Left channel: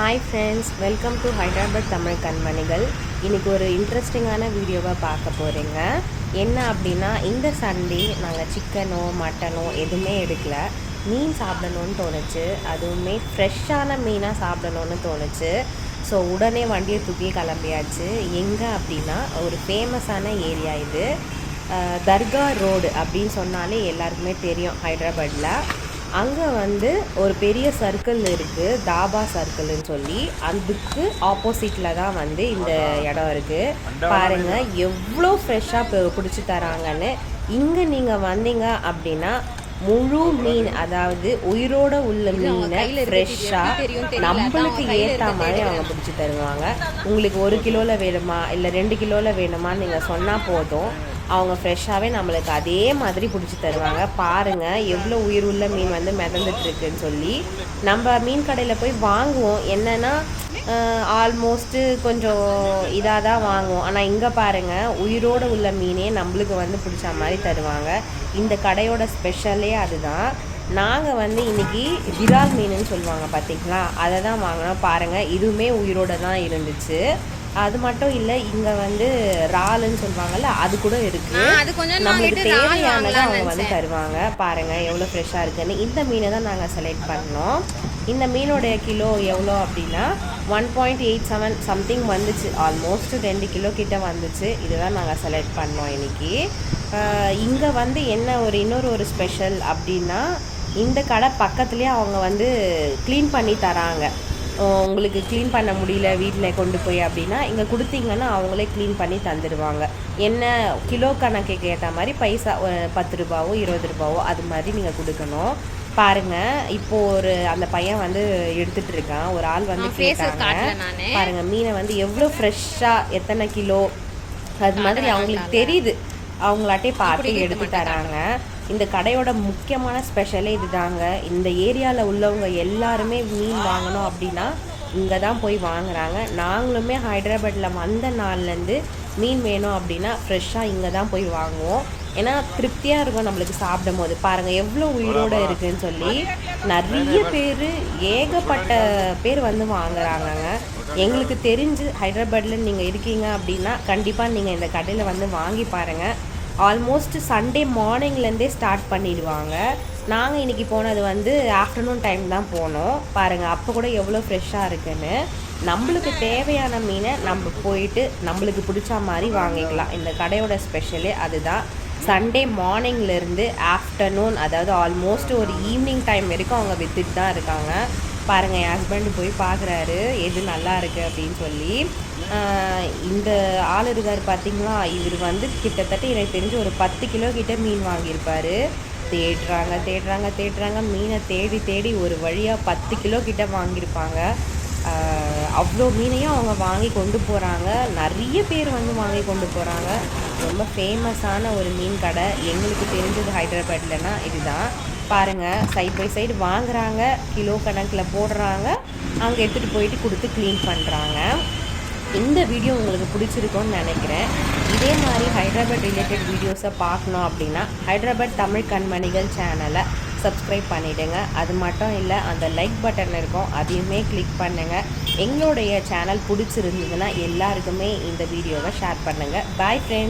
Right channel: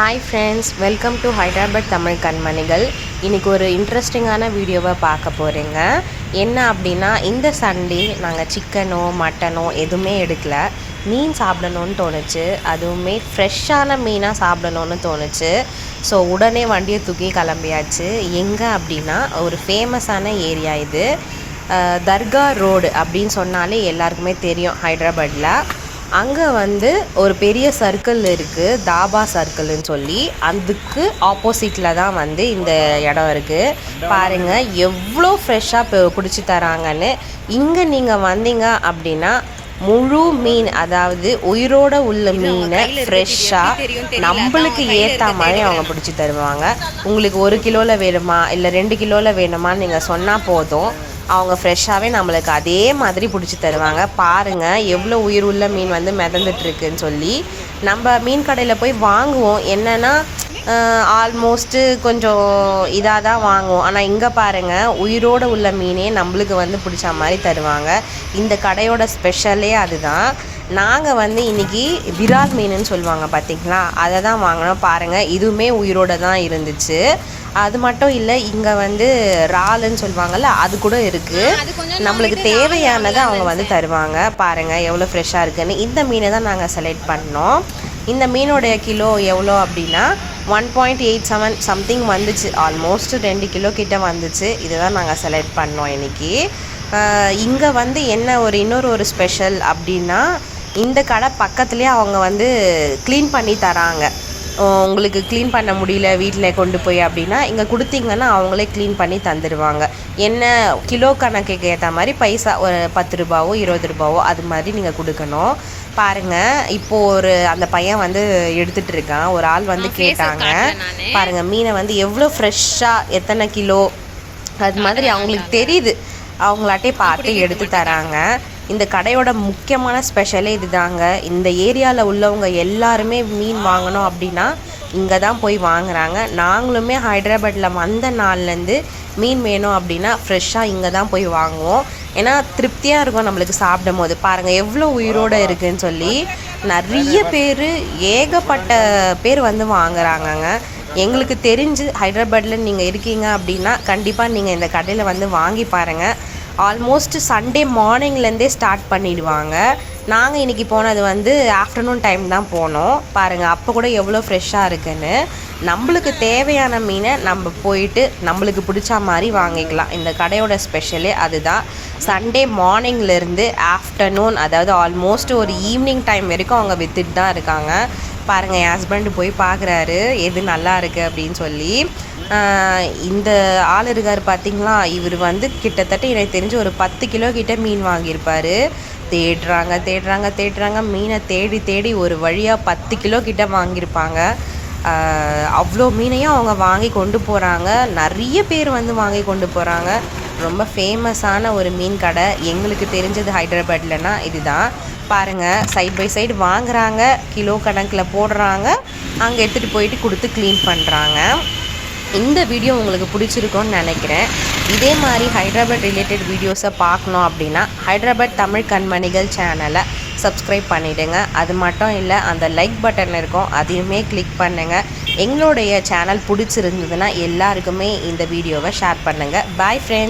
Hi friends welcome to Hyderabad Tamil கண்மணிகள் இன்றைக்கி ஒரு இன்ட்ரெஸ்டிங்கான வீடியோவை பார்க்க போகிறீங்க என்ன அப்படின்னா இந்த சண்டே நாங்கள் சிக்கனோ மட்டனோ எதுவுமே எடுக்கல. மீன் சாப்பிடணும்னு தோணுச்சு. அதுவுமே ஃப்ரெஷ்ஷான மீனாக சாப்பிடணும்னு தோணுச்சு. ஸோ உடனே வண்டியை தூக்கி கிளம்பியாச்சு. எங்கே அப்படின்னா ஒரு ஃபேமஸான ஏரியா இது. தர்கா ரோடு அப்படின்னு சொன்னாலே எல்லாருக்குமே தெரியும் ஹைதராபாத்தில் அங்கே வந்து ஒரு பெரிய சர்க்கிள் இருக்குது தாபா சர்க்கிள்னு சொல்லி. அதுக்கு ஆப்போசிட்டில் தான் வந்து இந்த இடம் இருக்குது பாருங்கள் எவ்வளோ ஃப்ரெஷ்ஷாக பிடிச்சி தராங்கன்னு. இங்கே நீங்கள் வந்தீங்க அப்படின்னா முழு மீன் அதாவது உயிரோட உள்ள மீனை ஃப்ரெஷ்ஷாக நம்மளுக்கு ஏற்ற மாதிரி அவங்க பிடிச்சி தருவாங்க. உங்களுக்கு ஒரு கிலோவில் வேணுமா இல்லை ரெண்டு கிலோவில் வேணுமான்னு நீங்கள் சொன்னால் போதும். அவங்க ஃப்ரெஷ்ஷாகவே நம்மளுக்கு அதே மாதிரி பிடிச்சி தருவாங்க. பாருங்கள் எவ்வளோ உயிர் உள்ள மீன் வந்து மிதந்துட்டு இருக்குன்னு சொல்லி. நம்ம மீன் கடையில் போய் வாங்குவோம். என்னென்னா ஆல்மோஸ்ட்டு கொஞ்சம் இதாக தான் வாங்குவோம். ஆனால் இங்கே பாருங்கள் உயிரோட உள்ள மீனே நம்மளுக்கு வந்து பிடிச்ச மாதிரி தருவாங்க. இந்த கடையோட ஸ்பெஷலே அதுதான். நாங்கள் வந்து இன்றைக்கி விரால் மீனுன்னு சொல்லுவாங்க பார்த்தீங்களா அதை தான் வாங்கினோம். பாருங்கள் இதுவுமே உயிரோட தான் இருந்துச்சு. அது மட்டும் இல்லை இங்கே வந்து இறாலுன்னு சொல்லுவாங்கல்ல அது கூட இருக்குது நம்மளுக்கு தேவையானதை அவங்க வந்து தருவாங்க. பாருங்கள் எவ்வளோ ஃப்ரெஷ்ஷாக இருக்குன்னு. இந்த மீனை தான் நாங்கள் செலக்ட் பண்ணோம். இந்த மீனோடைய கிலோ எவ்வளோ அப்படின்னா one point eight seven something வந்துச்சு. ஆல்மோஸ்ட் ரெண்டு கிலோ கிட்ட வந்துச்சு. இதுதான் நாங்கள் செலக்ட் பண்ணோம் இன்னைக்கு. இங்கே வந்து என்ன ஒரு இன்னொரு ஒரு ஸ்பெஷல் அப்படின்னா இந்த கடை பக்கத்துலேயே அவங்க வந்து க்ளீன் பண்ணி தராங்க. உங்களுக்கு க்ளீன் பண்ண முடியல வீட்டில் கொண்டு போய் அப்படின்னா இங்கே கொடுத்தீங்கன்னா அவங்களே க்ளீன் பண்ணி தந்துடுவாங்க என்ன கிலோ கணக்குக்கு ஏற்ற மாதிரி பைசா ஒரு பத்து ரூபாவோ இருபது ரூபாவோ அது மாதிரி நீங்கள் கொடுக்கணும். பாருங்க இப்போ ஒரு அந்த பையன் வந்து எடுத்துட்டு இருக்கான். ஒரு ஆள் வந்து கேட்டாங்க. பாருங்க மீனை வந்து எவ்வளோ ஃப்ரெஷ்ஷாக எத்தனை கிலோ? அது மாதிரி அவங்களுக்கு தெரியுது. அவங்களாட்டே பார்த்து எடுத்து தராங்க. இந்த கடையோட முக்கியமான ஸ்பெஷலே இதுதாங்க. இந்த ஏரியாவில் உள்ளவங்க எல்லாருமே மீன் வாங்கணும் அப்படின்னா இங்கே தான் போய் வாங்குறாங்க. நாங்களுமே ஹைதராபாத்தில் வந்த நாள்லேருந்து மீன் வேணும் அப்படின்னா ஃப்ரெஷ்ஷாக இங்கே தான் போய் வாங்குவோம். ஏன்னா திருப்தியாக இருக்கும் நம்மளுக்கு சாப்பிடும் போது பாருங்கள் எவ்வளோ உயிரோடு இருக்குன்னு சொல்லி நிறைய பேர் ஏகப்பட்ட பேர் வந்து வாங்குறாங்கங்க. எங்களுக்கு தெரிஞ்சு ஹைதராபாத்தில் நீங்கள் இருக்கீங்க அப்படின்னா கண்டிப்பாக நீங்கள் இந்த கடையில் வந்து வாங்கி பாருங்கள் ஆல்மோஸ்ட் சண்டே மார்னிங்லேருந்தே ஸ்டார்ட் பண்ணிடுவாங்க. நாங்கள் இன்றைக்கி போனது வந்து ஆஃப்டர்நூன் டைம் தான் போனோம். பாருங்கள் அப்போ கூட எவ்வளோ ஃப்ரெஷ்ஷாக இருக்குன்னு. நம்மளுக்கு தேவையான மீனை நம்ம போயிட்டு நம்மளுக்கு பிடிச்ச மாதிரி வாங்கிக்கலாம். இந்த கடையோட ஸ்பெஷலே அதுதான். சண்டே மார்னிங்லேருந்து ஆஃப்டர்நூன் அதாவது ஆல்மோஸ்ட் ஒரு ஈவினிங் டைம் வரைக்கும் அவங்க வித்துட்டு தான் இருக்காங்க. பாருங்கள் என் ஹஸ்பண்ட் போய் பார்க்குறாரு எது நல்லா இருக்குது அப்படின்னு சொல்லி. இந்த ஆள் இருக்கார் பார்த்தீங்களா இவர் வந்து கிட்டத்தட்ட எனக்கு தெரிஞ்சு ஒரு பத்து கிலோ கிட்ட மீன் வாங்கியிருப்பார். தேடுறாங்க தேடுறாங்க தேடுறாங்க. மீனை தேடி தேடி ஒரு வழியாக பத்து கிலோ கிட்ட வாங்கியிருப்பாங்க. அவ்வளோ மீனையும் அவங்க வாங்கி கொண்டு போகிறாங்க நிறைய பேர் வந்து வாங்கி கொண்டு போகிறாங்க ரொம்ப ஃபேமஸான ஒரு மீன் கடை. எங்களுக்கு தெரிஞ்சது ஹைதராபாத்லனா இதுதான். பாருங்கள் சைட் பை சைடு வாங்குறாங்க. கிலோ கணக்கில் போடுறாங்க. அங்கே எடுத்துகிட்டு போயிட்டு கொடுத்து க்ளீன் பண்ணுறாங்க இந்த வீடியோ உங்களுக்கு பிடிச்சிருக்கும்னு நினைக்கிறேன். இதே மாதிரி ஹைதராபாத் ரிலேட்டட் வீடியோஸை பார்க்கணும் அப்படின்னா ஹைதராபாத் தமிழ் கண்மணிகள் சேனலை சப்ஸ்கிரைப் பண்ணிவிடுங்க அது மட்டும் இல்லை அந்த லைக் பட்டன் இருக்கும். அதையுமே கிளிக் பண்ணுங்கள் எங்களுடைய சேனல் பிடிச்சிருந்ததுன்னா எல்லாருக்குமே இந்த வீடியோவை ஷேர் பண்ணுங்கள் பாய் ஃப்ரெண்ட்ஸ்